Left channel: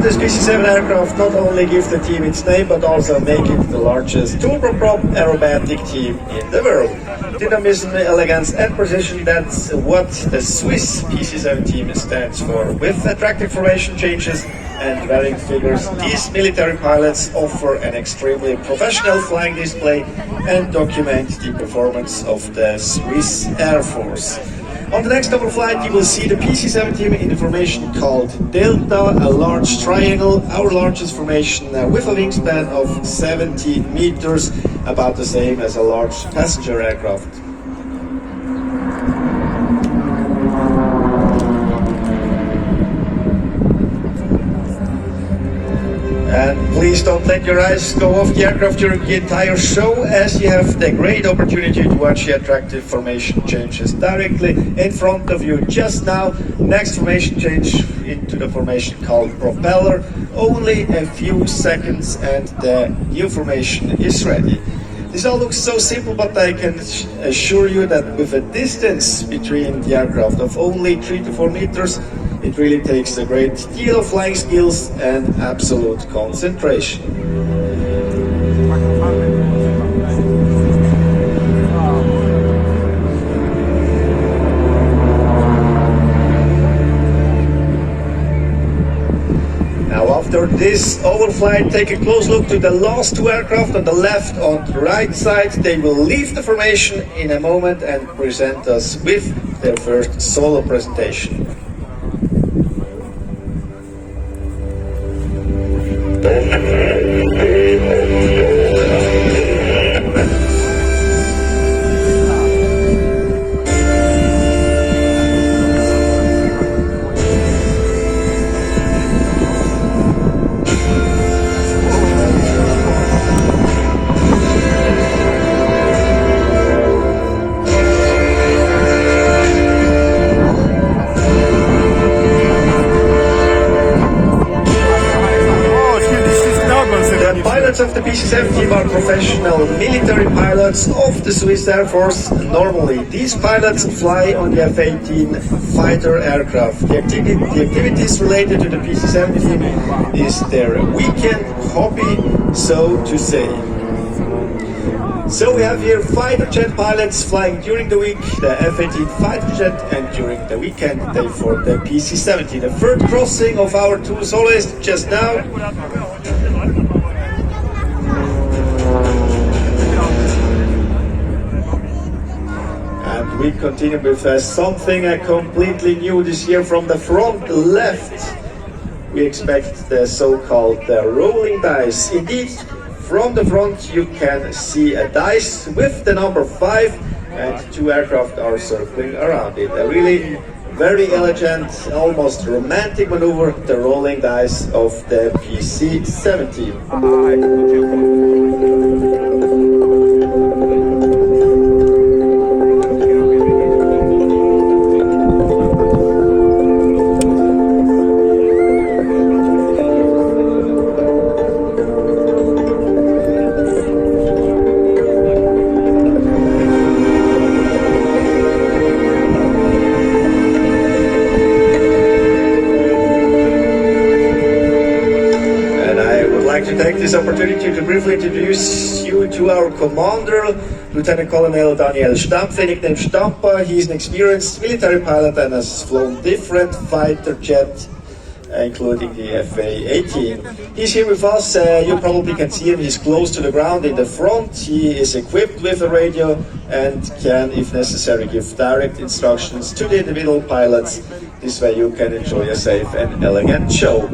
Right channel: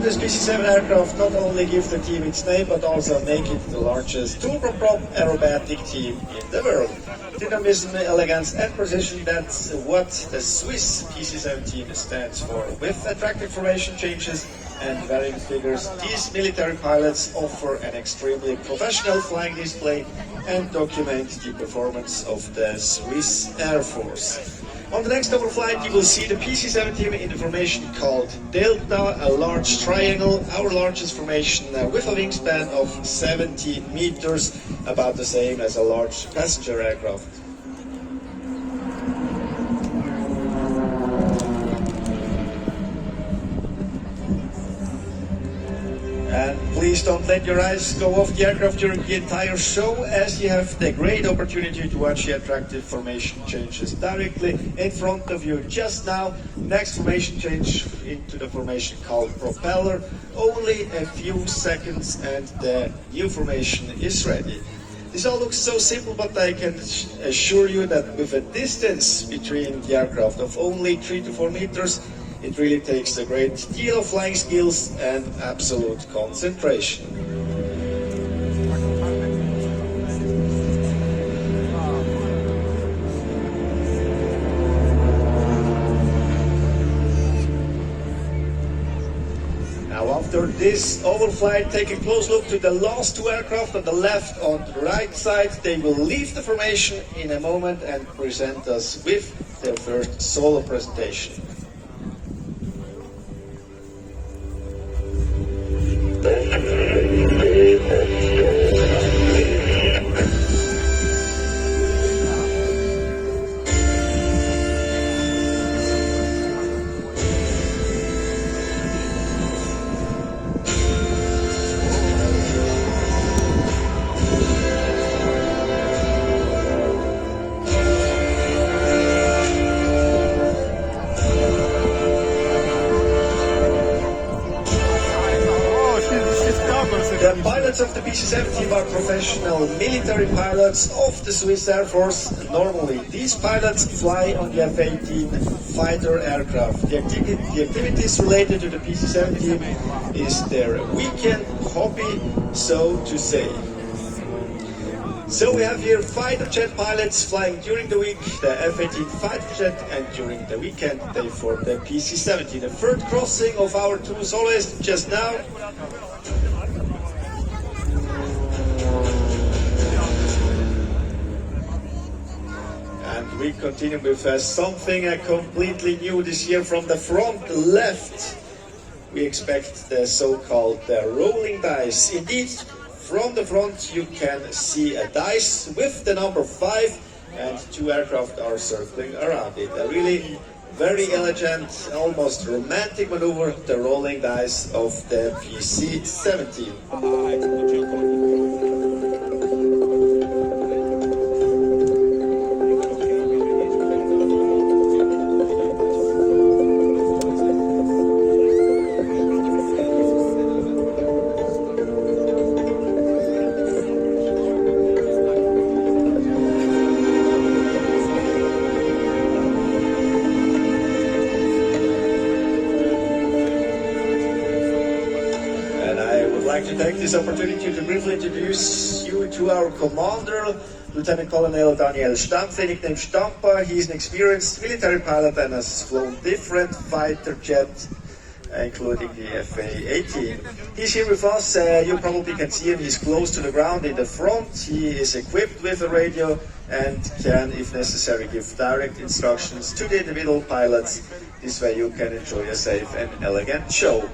This PC-7 aircraft not only gives the team its name, but also make it the largest turboprop aerobatic team in the world. Dynamism, elegance and precision, that's what the Swiss PC-7 team stands for. With attractive formation changes and varying figures, these military pilots offer an extremely professional flying display and document the performance of the Swiss Air Force. On the next double flight, you will see the PC-7 team in the formation called Delta, a large triangle, our largest formation with a wingspan of 70 meters, about the same as a large passenger aircraft. And please don't let your eyes go off the aircraft during the entire show, as you have the great opportunity to watch the attractive formation changes directly in front of you just now. Next formation change into the formation called Propeller. Only a few seconds and the new formation is ready. This all looks so simple, but I can assure you that with a distance between the aircraft of only 3 to 4 meters, it really takes a great deal of flying skills and absolute concentration. Now after this overflight, take a close look to the last two aircraft on the left, on the right side. They will leave the formation in a moment and present us with their first solo presentation. Of the PC-7 team are professional military pilots of the Swiss Air Force. Normally, these pilots fly on the F-18 fighter aircraft. The activities related to the PC-7 team is their weekend hobby, so to say. So we have here fighter jet pilots flying during the week, the F-18 fighter jet, and during the weekend they for the PC-17. The third crossing of our two soloists just now. We continue with something completely new this year. From the front left, we expect the so-called rolling dice. Indeed, from the front you can see a dice with the number 5 and two aircraft are circling around it. A really very elegant, almost romantic maneuver, the rolling dice of the PC-17. Take this opportunity to briefly introduce you to our commander, Lieutenant Colonel Daniel Stampfer, nicknamed Stampa. He is an experienced military pilot and has flown different fighter jets, including the FA-18. He's here with us. You probably can see him. He's close to the ground in the front. He is equipped with a radio and can, if necessary, give direct instructions to the individual pilots. This way you can enjoy a safe and elegant show.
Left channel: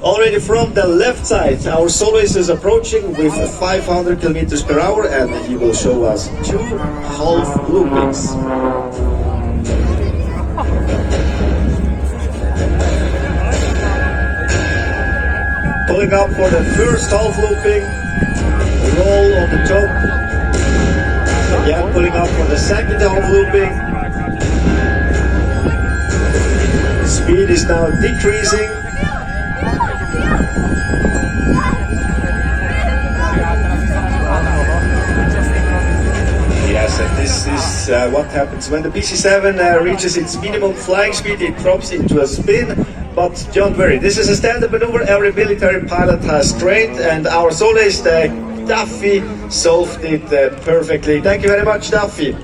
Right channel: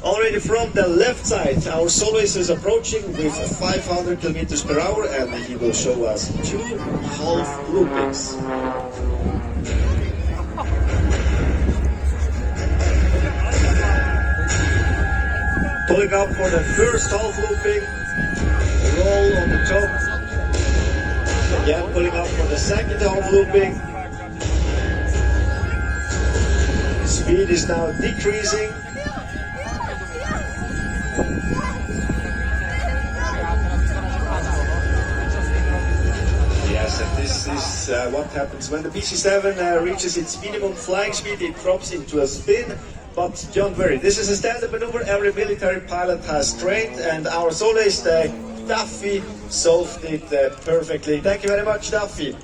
Already from the left side, our soloist is approaching with 500 kilometers per hour, and he will show us 2 half loopings. Pulling up for the first half looping, roll on the top. Again, pulling up for the second half looping. Speed is now decreasing. Yes, and this is what happens when the PC-7 reaches its minimum flying speed. It drops into a spin. But don't worry, this is a standard maneuver every military pilot has trained, and our soloist Duffy solved it perfectly. Thank you very much, Duffy.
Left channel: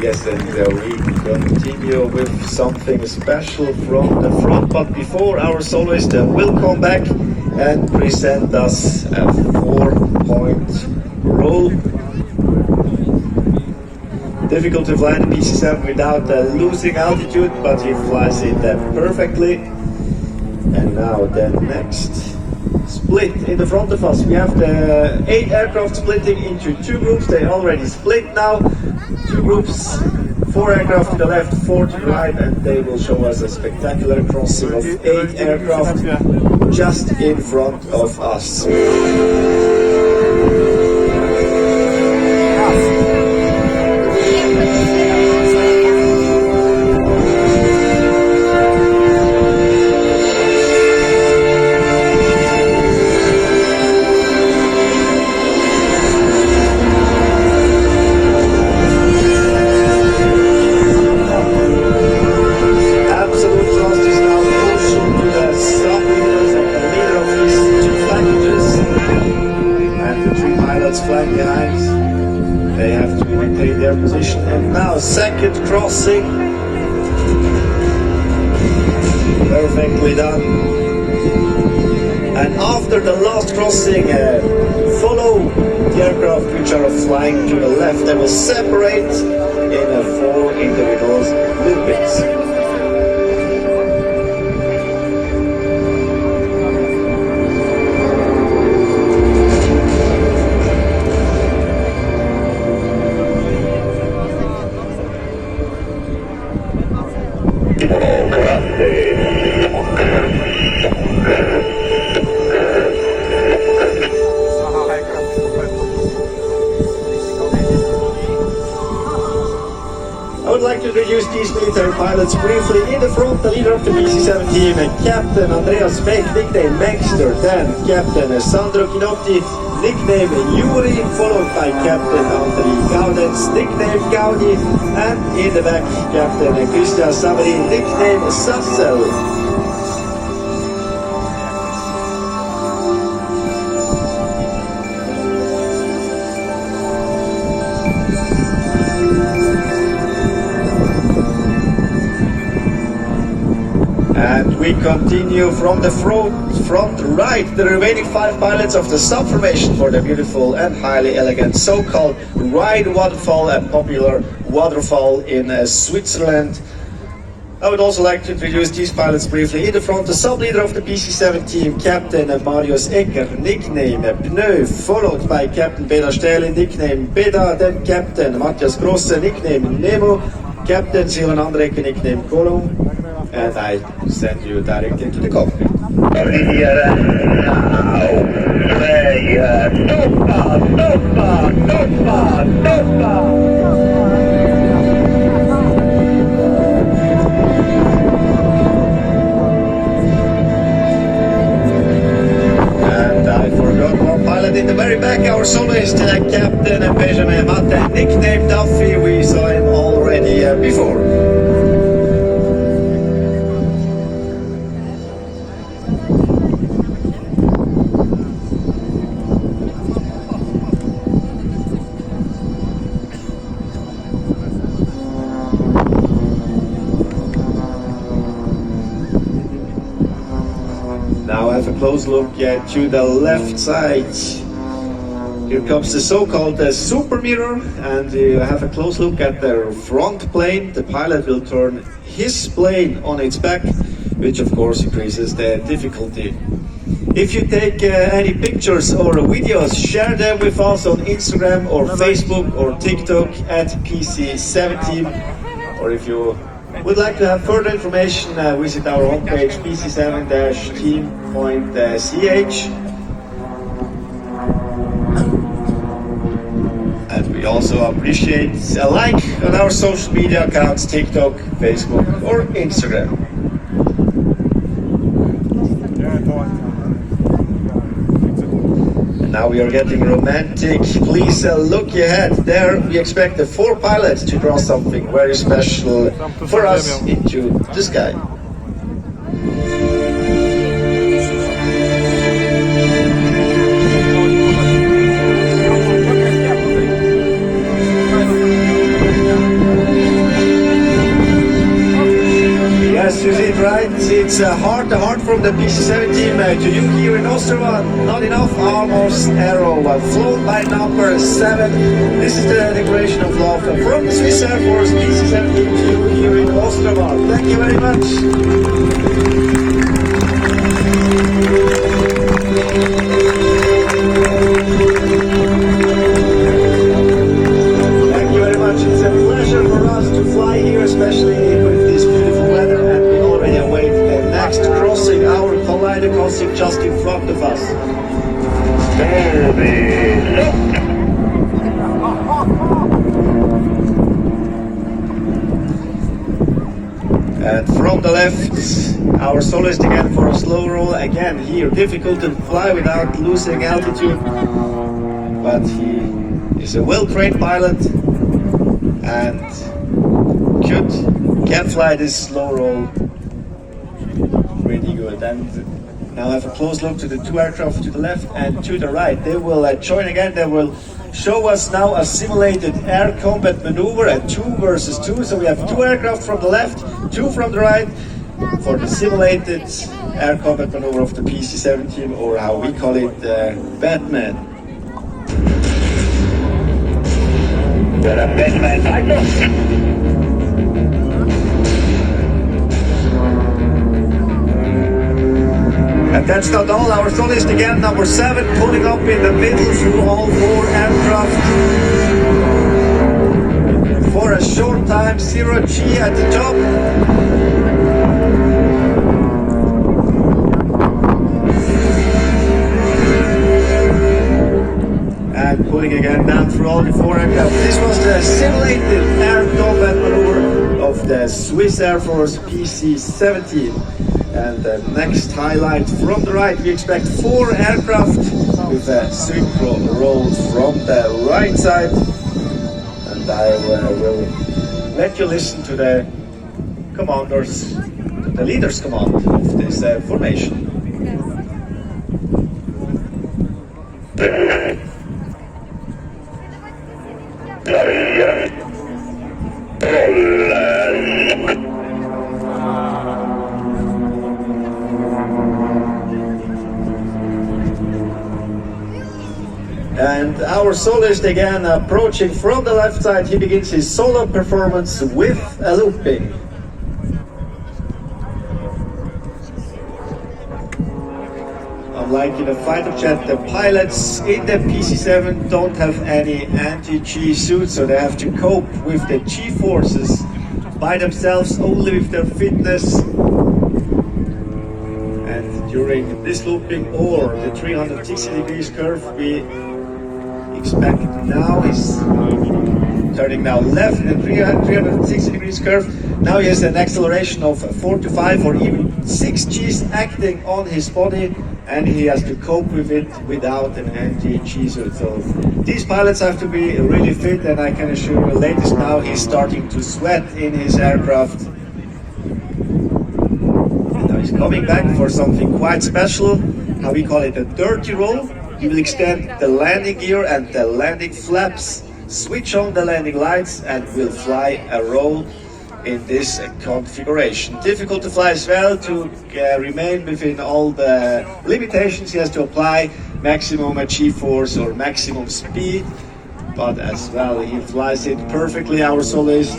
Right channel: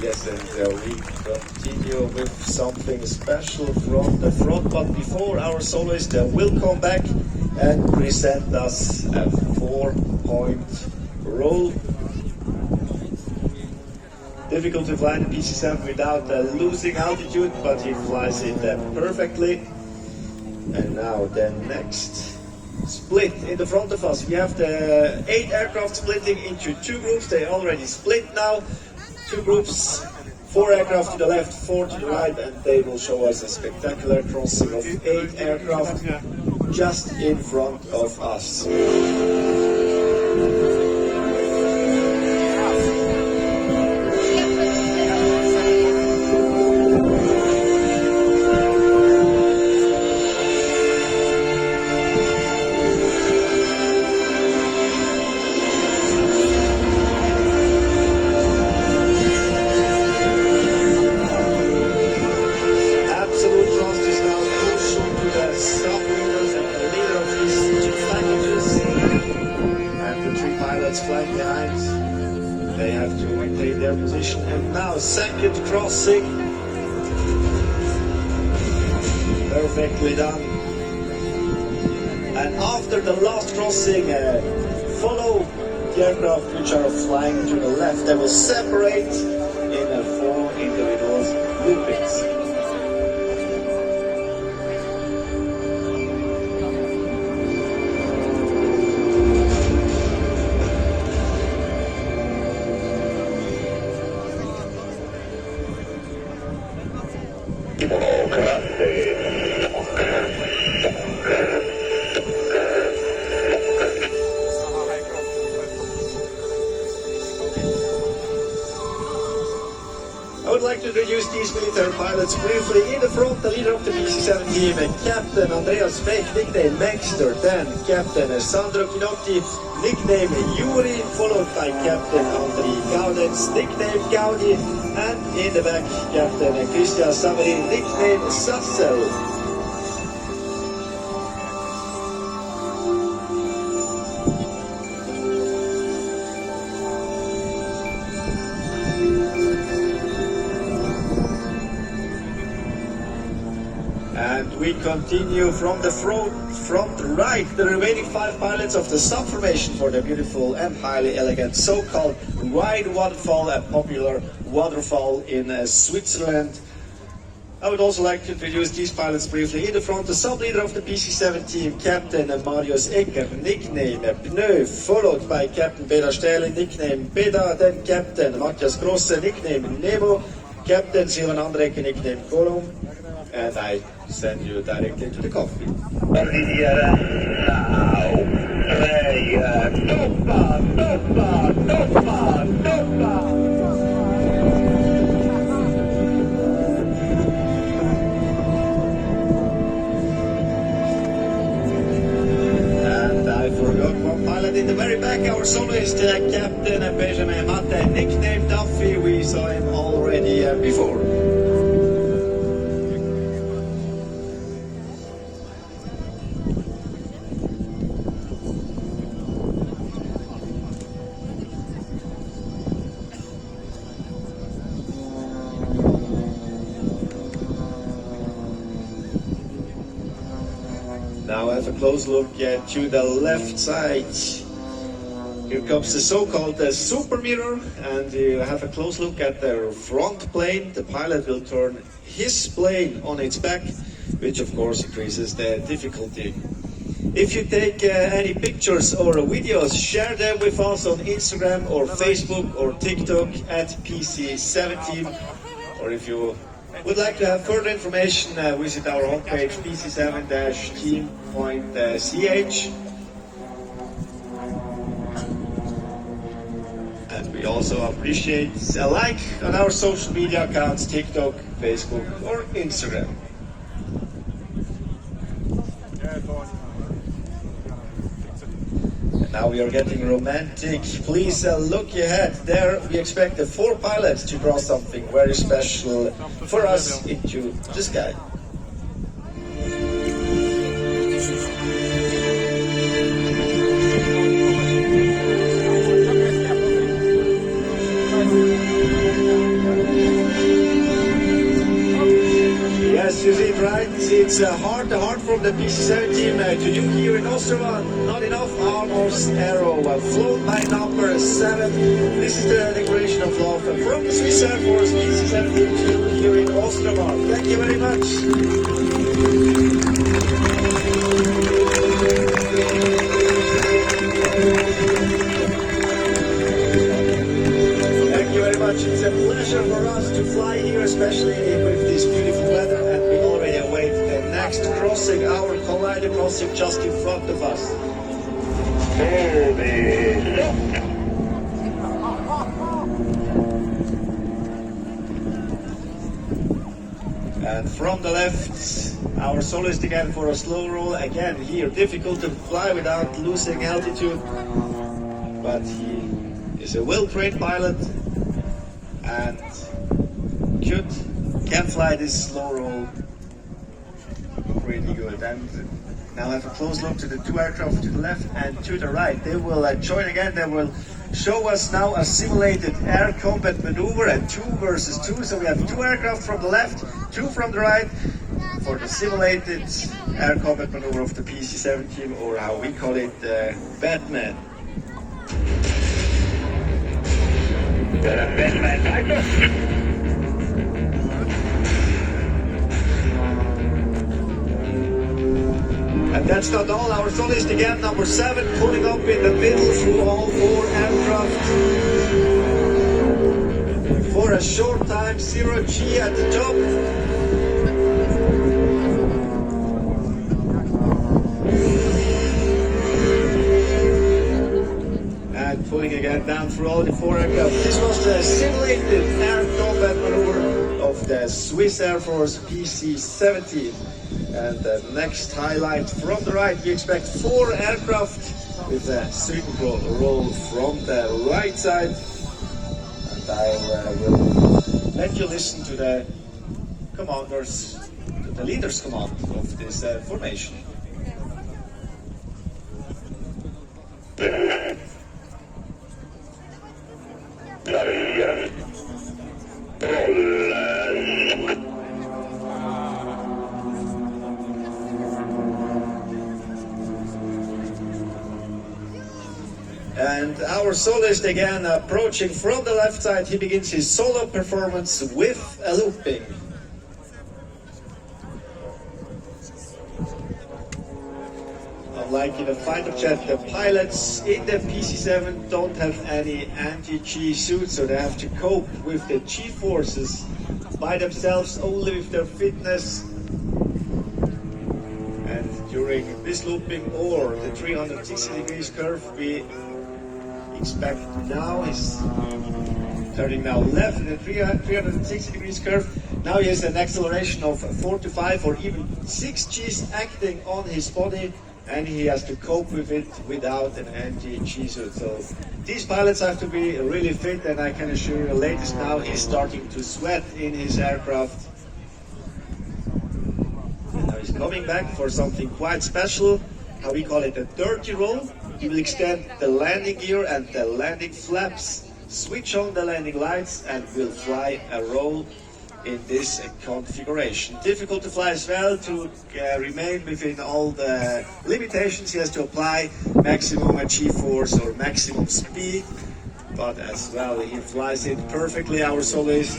Yes, and we continue with something special from the front, but before our soloist will come back and present us a 4-point roll. Difficult to fly the PC-7 without losing altitude, but he flies it perfectly. And now the next split in the front of us. We have the 8 aircraft splitting into 2 groups. They already split now. 2 groups, 4 aircraft to the left, 4 to the right, and they will show us a spectacular crossing of 8 aircraft just in front of us. They have to maintain their position, and now second crossing, perfectly done. And after the last crossing, follow the aircraft which are flying to the left. They will separate in 4 individual loopings. I would like to introduce these military pilots briefly. In the front, the leader of the PC-7 team, Captain Andreas Beck, nickname Mangster, then Captain Sandro Chinotti, nickname Yuri, followed by Captain Andri Gaudens, nickname Gaudi, and in the back, Captain Christian Savary, nickname Sassel. And we continue from the front right, the remaining 5 pilots of the sub-formation for the beautiful and highly elegant so-called Rhine waterfall, a popular waterfall in Switzerland. I would also like to introduce these pilots briefly. In the front, the sub-leader of the PC-7 team, Captain Marius Ecker, nickname Pneu, followed by Captain Beda Stähle, nickname Beda, then Captain Matthias Grosse, nickname Nemo, Captain Silvan Andreke, nickname Kolom. And I send you directly to the cockpit. And I forgot one pilot in the very back, our soloist, Captain Benjamin Matte, nicknamed Duffy. We saw him already before. Now have a close look to the left side. Here comes the so-called super mirror, and you have a close look at the front plane. The pilot will turn his plane on its back, which of course increases the difficulty. If you take any pictures or videos, share them with us on Instagram or Facebook or TikTok at PC-7 team. Or if you Would like to have further information, visit our homepage pc7-team.ch. And we also appreciate a like on our social media accounts, TikTok, Facebook or Instagram. And now we are getting romantic. Please look ahead. There we expect the 4 pilots to draw something very special for us into the sky. It's heart from the PC-7 team to you here in Osterwald. Not enough almost arrow flown by number 7. This is the declaration of love from the Swiss Air Force PC-7 team to you here in Osterwald. Thank you very much. Thank you very much. It's a pleasure for us to fly here, especially with this beautiful weather, and we already await the next crossing, our collider crossing just in front of us. And from the left, our soloist again for a slow roll. Again here, difficult to fly without losing altitude, but he is a well-trained pilot and can fly this slow roll pretty good. And now have a close look to the 2 aircraft to the left and to the right. They will join again. They will show us now a simulated air combat maneuver, a 2 versus 2. So we have 2 aircraft from the left, 2 from the right for the simulated air combat maneuver of the PC-7 team, or how we call it, Batman. And that's not all. Our soloist again, number 7, pulling up in the middle through all 4 aircraft for a short time, 0G at the top. And pulling again down through all the 4 aircraft. This was the simulated air combat maneuver of the Swiss Air Force PC-17. And the next highlight from the right, we expect 4 aircraft with a synchro roll from the right side. And I will let you listen to the commanders, the leader's command of this formation. And our soloist again approaching from the left side. He begins his solo performance with a looping. Unlike in a fighter jet, the pilots in the PC-7 don't have any anti-G suits, so they have to cope with the G forces by themselves, only with their fitness. And during this looping or the 360 degrees curve, we expect now is turning now left in 360 degrees curve. Now he has an acceleration of 4 to 5 or even 6 G's acting on his body, and he has to cope with it without an anti-G suit. So these pilots have to be really fit, and I can assure you, latest now he's starting to sweat in his aircraft. And now he's coming back for something quite special, how we call it a dirty roll. He will extend the landing gear and the landing flaps, switch on the landing lights, and will fly a roll in this configuration. Difficult to fly as well, to remain within all the limitations he has to apply, maximum G-force or maximum speed, but as well he flies it perfectly, our soloist.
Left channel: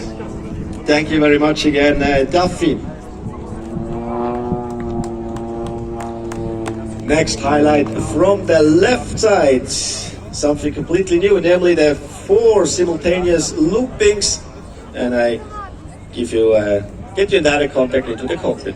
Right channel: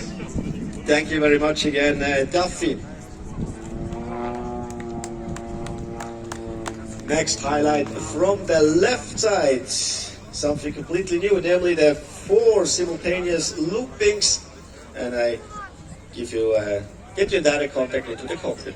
Thank you very much again, Duffy. Next highlight from the left side, something completely new, namely the 4 simultaneous loopings, and I give you get you in direct contact into the cockpit.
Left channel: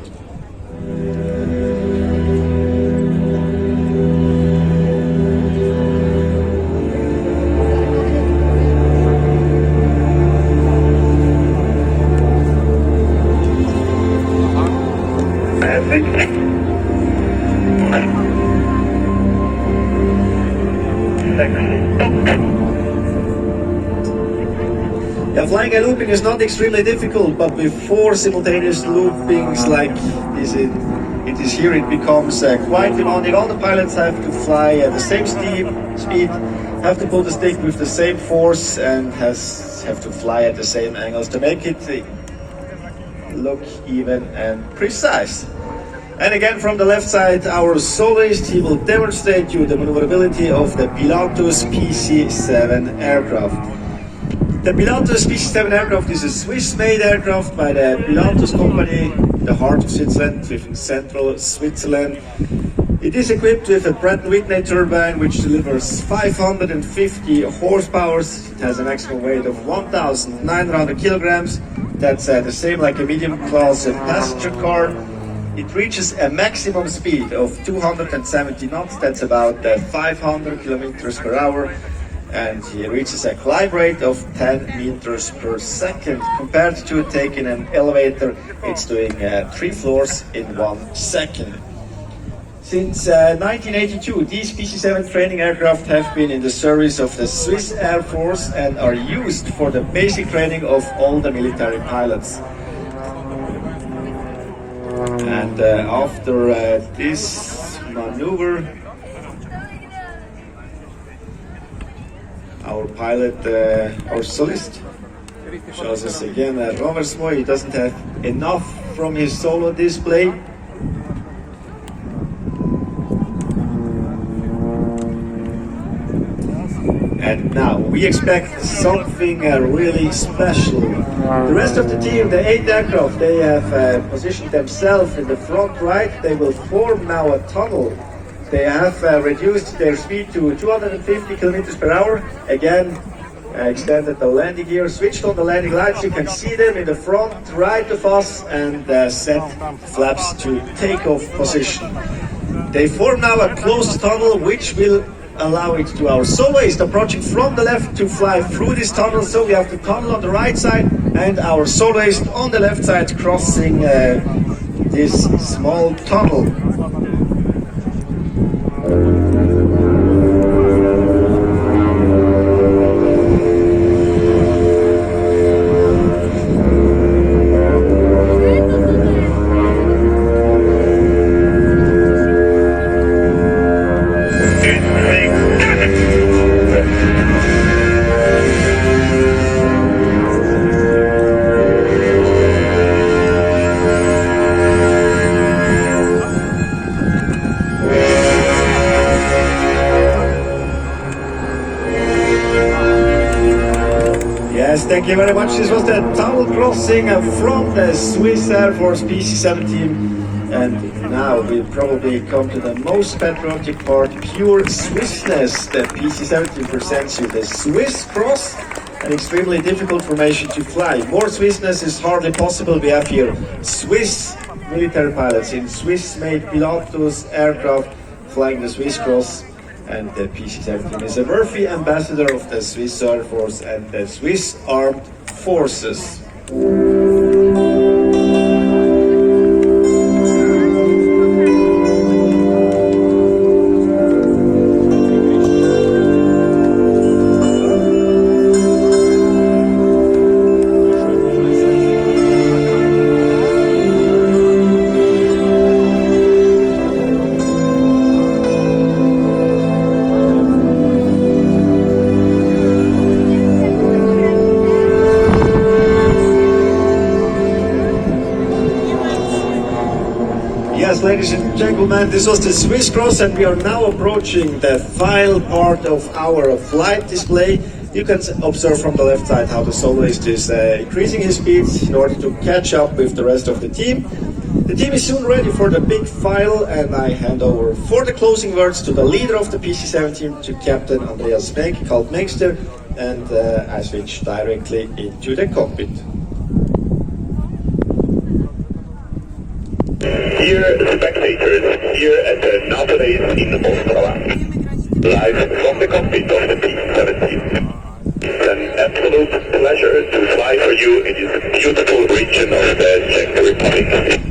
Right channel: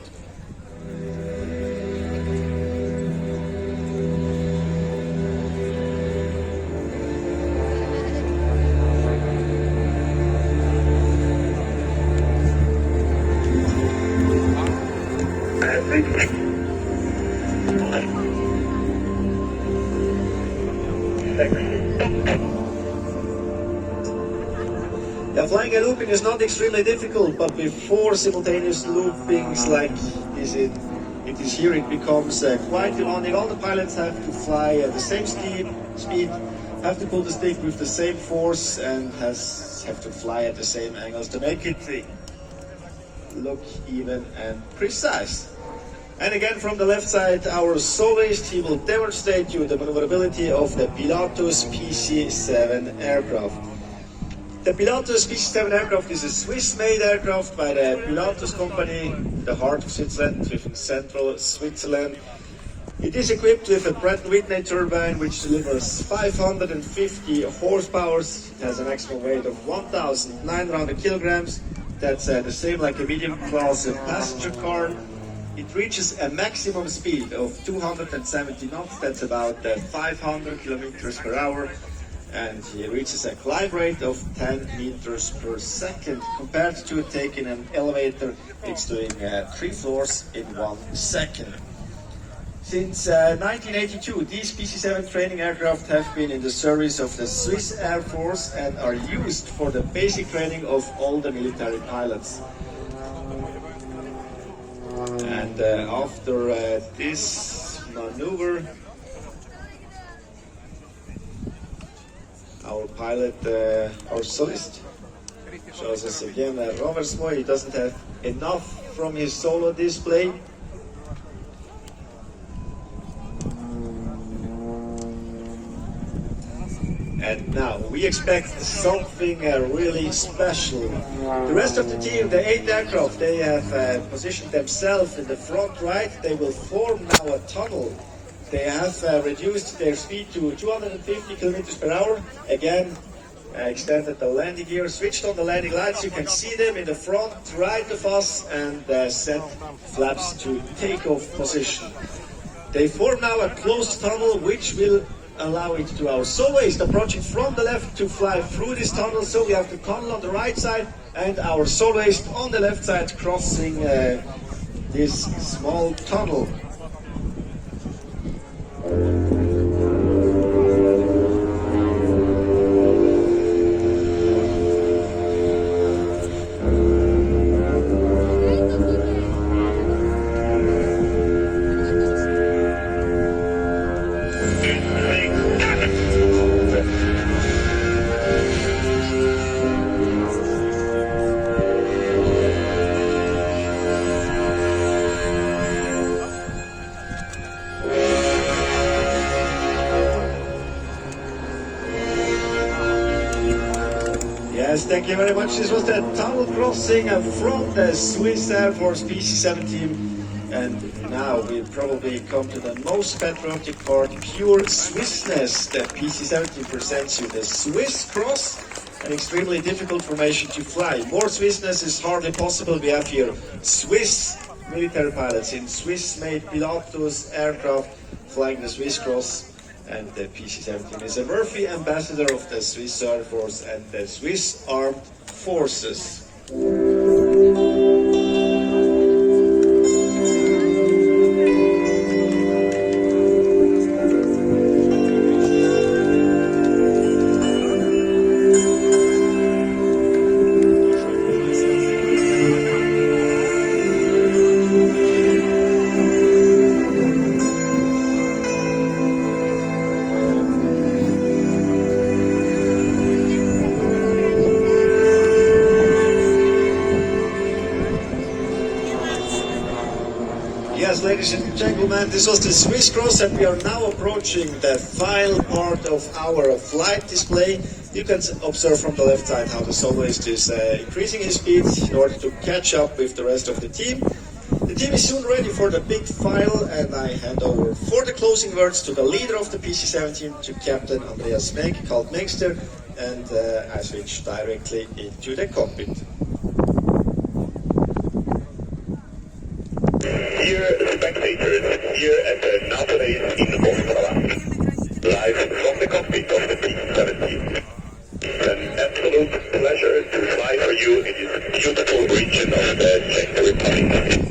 Yeah, flying and looping is not extremely difficult, but with 4 simultaneous loopings like it is here, it becomes quite demanding. All the pilots have to fly at the same speed, have to pull the stick with the same force, and have to fly at the same angles to make it look even and precise. And again, from the left side, our soloist, he will demonstrate you the maneuverability of the Pilatus PC-7 aircraft. The Pilatus PC-7 aircraft is a Swiss-made aircraft by the Pilatus company, the heart of Switzerland, within central Switzerland. It is equipped with a Pratt & Whitney turbine which delivers 550 horsepower. It has a maximum weight of 1,900 kilograms. That's the same like a medium-class passenger car. It reaches a maximum speed of 270 knots. That's about 500 kilometers per hour. And it reaches a climb rate of 10 meters per second. Compared to taking an elevator, it's doing 3 floors in 1 second. Since 1982, these PC-7 training aircraft have been in the service of the Swiss Air Force and are used for the basic training of all the military pilots. And after this maneuver, our pilot, our solist, shows us again a renversement. He doesn't have enough from his solo display. And now we expect something really special. The rest of the team, the 8 aircraft, they have positioned themselves in the front right. They will form now a tunnel. They have reduced their speed to 250 kilometers per hour. Again, extended the landing gear, switched on the landing lights. You can see them in the front right of us, and set flaps to takeoff position. They form now a closed tunnel which will allow it to our soloist approaching from the left to fly through this tunnel. So we have the tunnel on the right side and our soloist on the left side crossing this small tunnel. Yes, thank you very much. This was the tunnel crossing from the Swiss Air Force PC-7 team. And now we probably come to the most patriotic part, pure Swissness. The PC-7 team presents you the Swiss Cross, an extremely difficult formation to fly. More Swissness is hardly possible. We have here Swiss military pilots in Swiss-made Pilatus aircraft flying the Swiss Cross. And the PC-7 team is a worthy ambassador of the Swiss Air Force and the Swiss Armed Forces. Yes, ladies and gentlemen, this was the Swiss Cross, and we are now approaching the final part of our flight display. You can observe from the left side how the soloist is increasing his speed in order to catch up with the rest of the team. The team is soon ready for the big final, and I hand over for the closing words to the leader of the PC-7 team, to Captain Andreas Kaltmengster, and I switch directly into the cockpit. demonstrators here at the NATO Days in Ostrava, live from the cockpit of the PC-7. It's an absolute pleasure to fly for you in this beautiful region of the Czech Republic.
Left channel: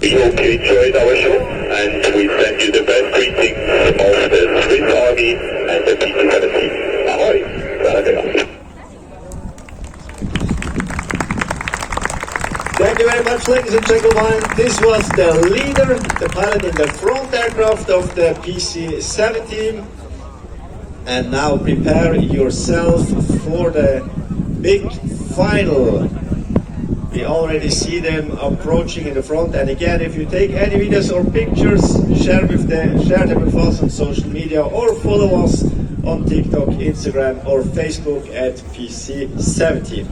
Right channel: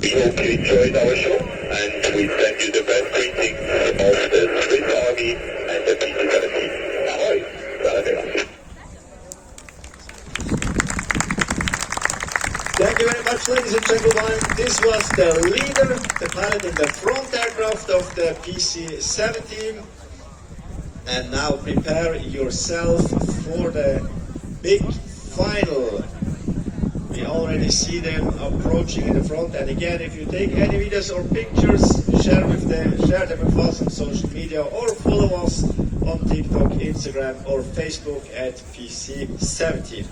We hope you enjoyed our show, and we send you the best greetings of the Swiss Army and the PC-7 team. Ahoy! Welcome. Thank you very much, ladies and gentlemen. This was the leader, the pilot in the front aircraft of the PC-7 team. And now prepare yourself for the big final. We already see them approaching in the front. And again, if you take any videos or pictures, share them with us on social media or follow us on TikTok, Instagram or Facebook at PC-17.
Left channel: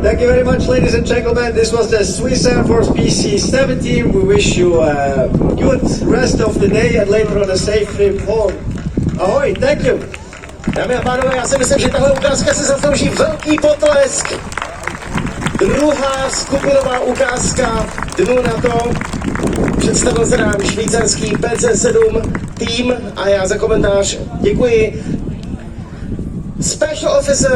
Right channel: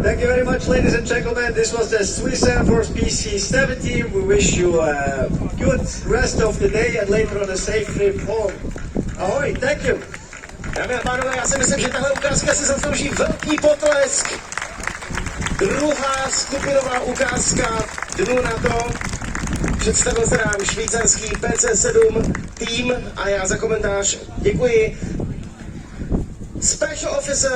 Thank you very much, ladies and gentlemen. This was the Swiss Air Force PC-7 team. We wish you a good rest of the day and later on a safe trip home. Ahoy, thank you. Dámy a pánové, já si myslím, že tahle ukázka si zaslouží velký potlesk. Druhá skupinová ukázka dnu na to představil se nám švýcarský PC-7 tým a já za komentář děkuji. Special Officer